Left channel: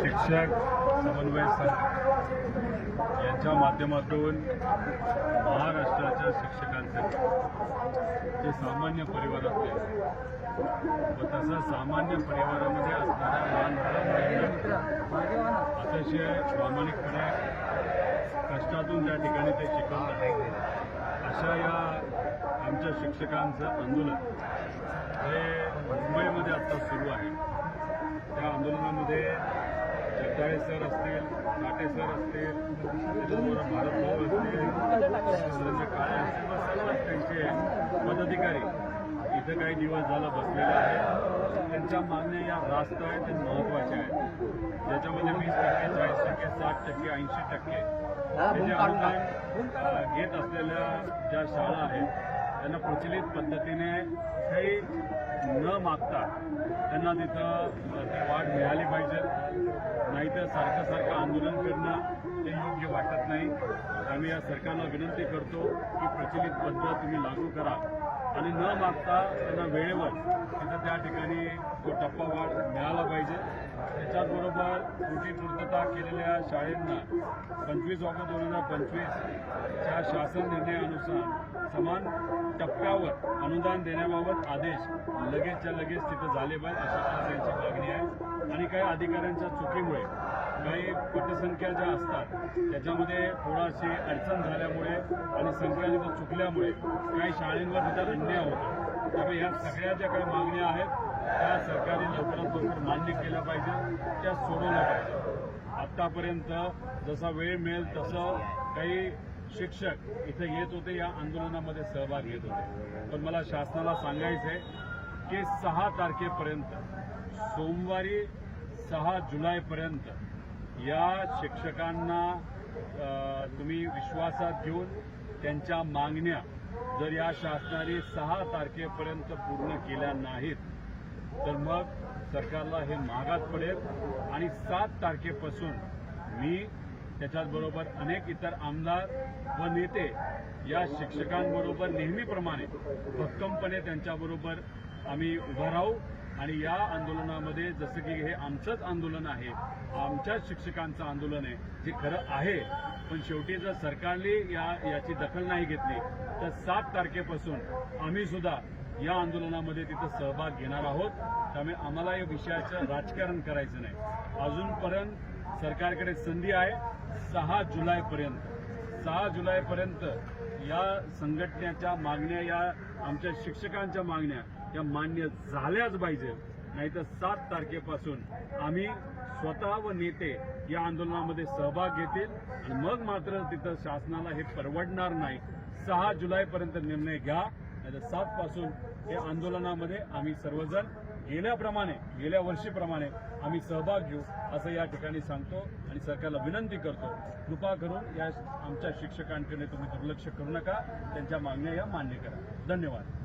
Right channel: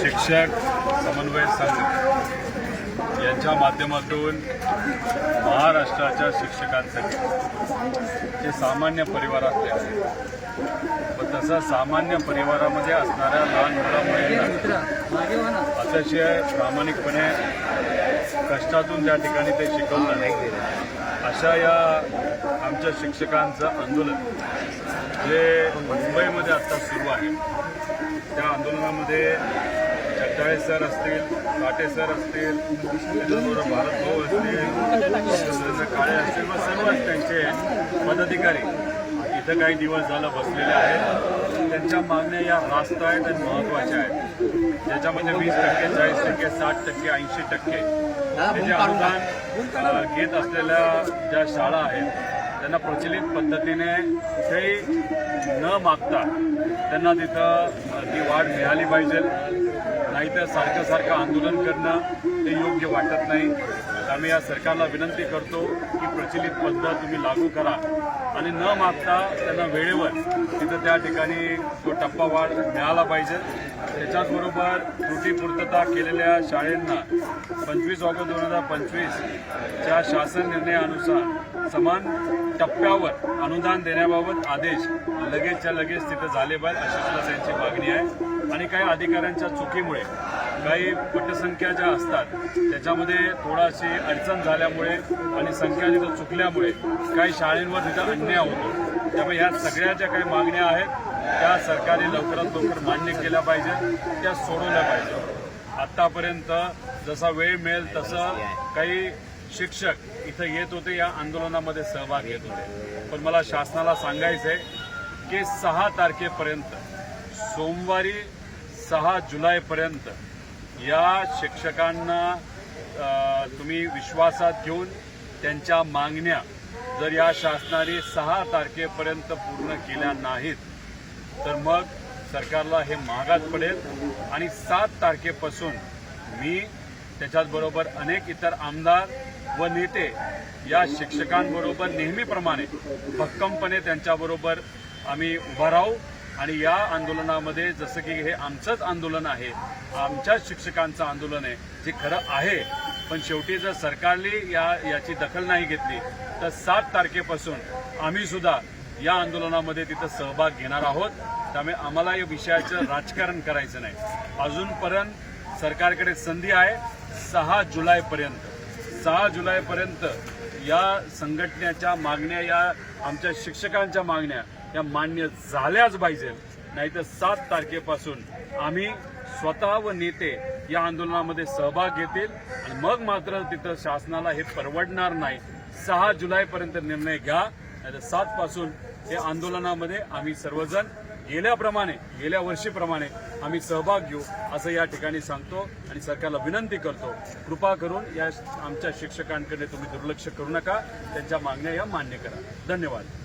शिक्षक समन्वय संघ यांच्या माध्यमातून महाराष्ट्राच्या शिक्षकांसाठी जे सामान्य परिवारातले आहेत व तसं सामान्य परिवारामध्ये असणाऱ्या लहान मुलामुलींना अतिशय प्रामाणिकपणे कष्टातून ज्या ठिकाणी ते शिकवलं अशा या आमच्या शिक्षकांचं आंदोलन जे मुंबईमध्ये आत्ता सुरू आहे त्या आंदोलनामध्ये जगदाळे सर असतील, काटे सर असतील, त्याच्याबरोबर भारत भाऊ असतील, डॉक्टर नरेंद्र काळे असतील व सर्वच त्यांचे पदाधिकारी इथं काही दिवस झालं बसलेले आहेत. त्यांच्या मागण्या या रास्त आहेत आणि महत्त्वाच्या आहेत, ज्याच्यामध्ये 20%, 40%, 60%, 80% हे जे अनुदान घेत असलेल्या ज्या शाळा आहेत त्यांना प्रचलित पद्धतीने कुठेही न मागता त्यांना तिथं ती वाढ मिळाली पाहिजे. नाहीतर सारखं सारखं आंदोलन करणं हे योग्य वाटत नाही. आम्ही या सरकारला विनंती करतो की प्रचलित पद्धत तुम्ही लागू करा आणि न मागता त्यांना वेळेवर तिथं त्या ठिकाणी तो टप्पा वाढ मिळाला पाहिजे. त्याच्याचबरोबर त्रुटीपूर्तता केलेल्या शाळांना 25 ऑगस्ट 2025च्या शासन निर्णयानुसार समान टप्प्यावर अनुदान देण्याबाबत आदेश लगेचच्या लगेच तिथं झाले पाहिजे अशी सुद्धा त्यांची मागणी आहे. आणि काही अधिकाऱ्यांच्या चुकीमुळे काही पटसंख्या ज्या असतात त्याच्यामध्ये थोडाशी अडचण झाल्यामुळे आणि संख्या तिथं चुकल्यामुळे काही शाळांवर तिथं अन्याय होतो. त्यामुळे ह्या सगळ्या ज्या काही मागण्या आहेत त्या सरकारने लवकरात लवकर मान्य केल्या पाहिजेत, त्या सोडवल्या पाहिजेत. आत्तापर्यंत जसा वेळ मिळेल तसं काही शिक्षक इथं येत होते, या आंदोलनामध्ये सहभाग घेत होते. पण मला शासनाला सांगायचं आहे की 6 तारखेपर्यंत सोमवारी 6 जुलैपर्यंत या शिक्षकांना तुम्ही विश्वासात घेऊन त्यांच्या मागण्या जर या शासनाने 6 तारखेपर्यंत पूर्ण केल्या नाहीत तर मग सरकारला हे महागात पडेल. आणि 7 तारखेपासून मी त्याच्याचबरोबर अनेक इतर आमदार व नेते या शिक्षकांबरोबर नेहमीप्रमाणे भक्कमपणे त्यांच्याबरोबर आम्ही उभा राहू. आणि या आंदोलनामध्ये जसं की हे आमचंच आंदोलन आहे, आमच्याच शिक्षकांचं आंदोलन आहे जे खरं आहे, पण शेवटी जर सरकारने याची दखल नाही घेतली तर 7 तारखेपासून आम्ही सुद्धा या आंदोलनामध्ये तिथं सहभाग घेणार आहोत. त्यामुळे आम्हाला या विषयाचं राजकारण करायचं नाही. अजूनपर्यंत सरकारकडे संधी आहे 6 जुलैपर्यंत. 6 जुलैपर्यंत या संघटनेच्या मागण्या, या आमच्या शिक्षकांच्या मागण्या या मान्य झाल्याच पाहिजे. नाहीतर 7 तारखेपासून आम्ही स्वतः व नेते या आंदोलनामध्ये सहभाग घेतील आणि मग मात्र तिथं शासनाला हे परवडणार नाही. 6 जुलैपर्यंत निर्णय घ्या, नाहीतर 7 पासून हे आंदोलनामध्ये आम्ही सर्वजण गेल्या वर्षीप्रमाणे आम्ही सहभाग घेऊ असं या ठिकाणी सांगतो. आणि सरकारला विनंती करतो, कृपा करून या आमच्या शिक्षकांकडे तुम्ही दुर्लक्ष करू नका, त्यांच्या मागण्या या मान्य करा. धन्यवाद.